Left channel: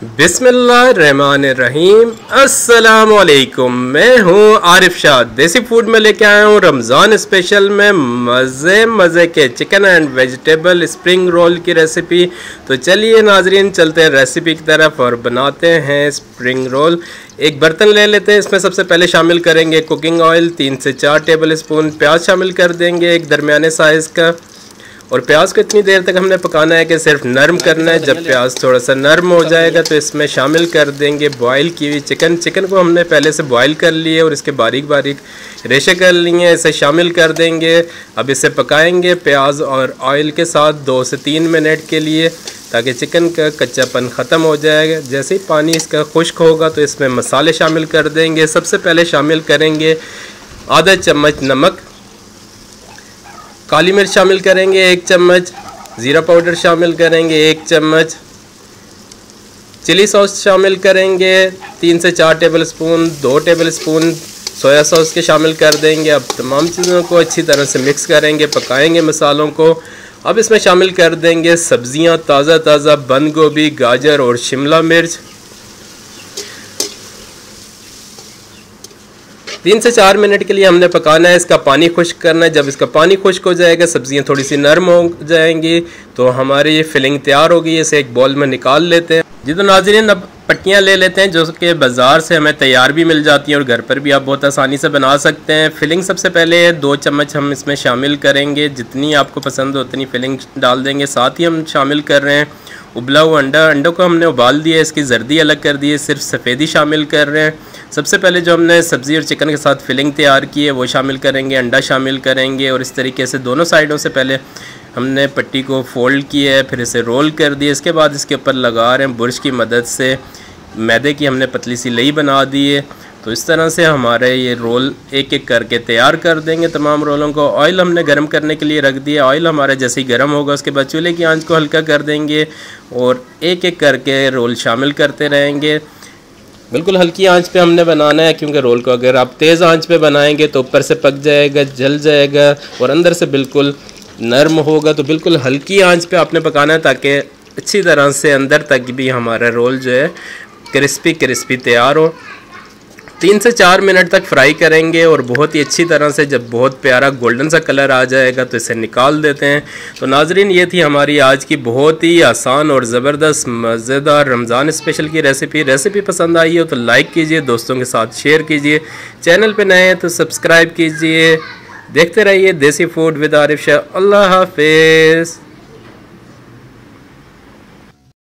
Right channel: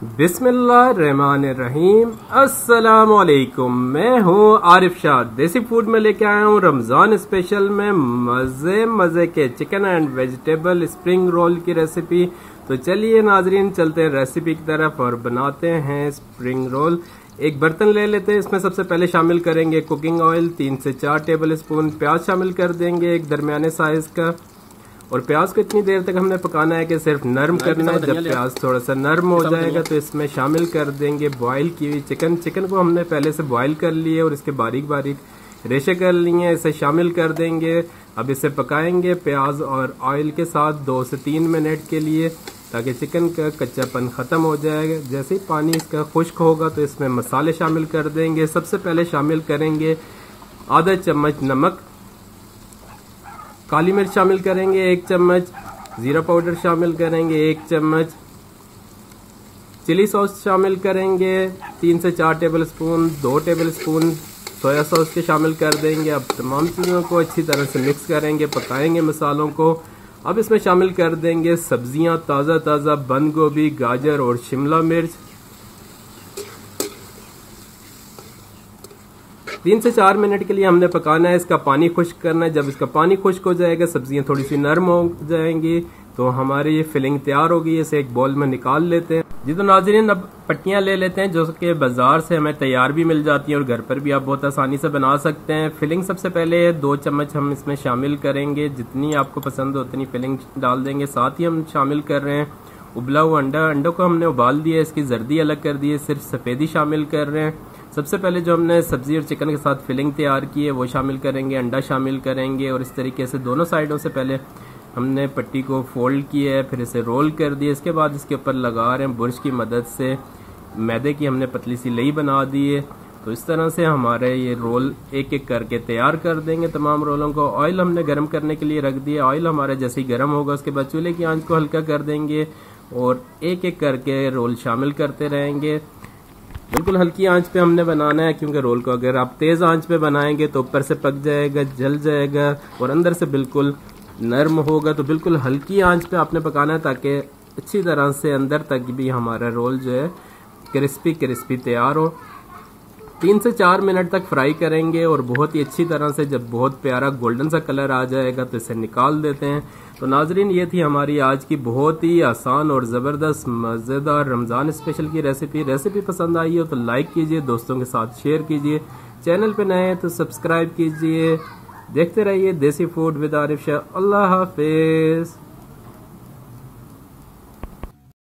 बिस्मिल्लाहिर्रहमानिर्रहीम। अस्सलाम वालेकुम। मैं हूँ आरिफ शाह। देसी फूड में लेके आया हूँ रमज़ान स्पेशल में मज़े के chicken and vegetable spring roll की रेसिपी। तो चलिए नाजरीन, चलते हैं रेसिपी की तरफ और बनाते हैं स्प्रिंग रोल। एक बर्तन ले लेते हैं। इसमें सबसे पहले शामिल करेंगे कुकिंग ऑयल 3 से 4 टेबल स्पून। प्याज शामिल कर देंगे एक दरमियाने साइज़ का, और प्याज को इतनी देर तक हमने पकाना है कि सिर्फ नरम करना है। जब प्याज थोड़ा सा नरम हो जाएगा तो इसमें शामिल कर देंगे बॉईल की हुई चिकन को हमने पहले से बॉईल कर लिए और इसके बारीक बारीक रेशे कर लिए। इसे शामिल कर देंगे। अब इसे पकाएंगे प्याज और ऑयल के साथ 2 से 3 मिनट के लिए, ताकि चिकन का कच्चापन ख़त्म हो जाएगा। जैसे ही पानी इसका खुश्क होगा तो इसमें मसाले शामिल कर देंगे। सबसे पहले शामिल करेंगे आधा चम्मच नमक, काली मिर्च शामिल करेंगे 1 चम्मच, ज़ीरा पाउडर शामिल करेंगे 1 चम्मच, चिली सॉस शामिल करेंगे 3 से 4 table spoon, 2 table spoon soya sauce के शामिल कर देंगे। अब तमाम चीज़ों को अच्छी तरह से मिक्स करेंगे, पकाएंगे मसालों को। अब इसमें शामिल कर देंगे सब्जियां, ताज़ा बंद गोभी, गाजर और शिमला मिर्च। 3 से 4 मिनट के लिए हमने पकाना है। इसका पानी खुश्क करना है। जब इसका पानी खुश्क हो जाएगा, सब्जियां थोड़ी सी नरम हो जाएंगी, तो हमारी ये फिलिंग तैयार होगी। इसे एक बॉल में निकाल लेते हैं। जी तो नाज़रीन, अब पट्टियाँ ले लेते हैं जो कि बाज़ार से हमें तैयार भी मिल जाती हैं और घर पर भी आप बहुत आसानी से बना सकते हैं। फिलिंग सबसे पहले 2 चम्मच हम इसमें शामिल करेंगे। जितनी आपको पसंद हो उतनी फिलिंग डाल देंगे। साथ ही हम शामिल कर रहे हैं उबला हुआ अंडों को हमने उबाल दिया, इसकी जर्दी अलग कर दी है, सिर्फ सफ़ेदी शामिल कर रहे हैं। सबसे पहले जो हमने सब्ज़ी और चिकन के साथ फिलिंग तैयार की है वो शामिल करेंगे, अंडा शामिल करेंगे और इस तरीके से दोनों साइडों से पहले हमने पट्टी को फोल्ड किया है, फिर इसे रोल कर दिया। इसके बाद इसके ऊपर लगा रहे हैं बुरश की मदद से। मैदे की हमने पतली सी लई बना दी है। तो इस तरह से हमारे ये रोल एक एक करके तैयार कर देंगे तमाम रोलों को। ऑयल हमने गर्म करने के लिए रख दिया। ऑयल हमारा जैसे ही गर्म होगा उसके बाद चूल्हे की आंच को हल्का कर देंगे और एक एक करके रोल शामिल करते रहेंगे। बिल्कुल हल्की आंच पे हमने बनाना है, क्योंकि रोल को अगर आप तेज़ आंच पे बनाएंगे तो ऊपर से पक जाएगा, जल जाएगा और अंदर से बिल्कुल नरम होगा। तो बिल्कुल हल्की आंच पे आपने पकाना है ताकि अच्छी तरह से अंदर तक भी हमारा रोल जो है क्रिस्पी तैयार हो। 3 से 4 मिनट तक फ्राई करेंगे और बहुत ही अच्छी तरह से जब बहुत प्यारा गोल्डन सा कलर आ जाएगा तो इसे निकाल देते हैं। तो नाजरीन, ये थी हमारी आज की बहुत ही आसान और ज़बरदस्त मज़ेदार रमज़ान स्पेशल की रेसिपी पसंद आई हो तो लाइक कीजिए, दोस्तों के साथ शेयर कीजिए। चैनल पे नए हैं तो सब्सक्राइब कीजिए। देखते रहिए देसी फूड विद आरिफ शाह। अल्लाह हाफिज़।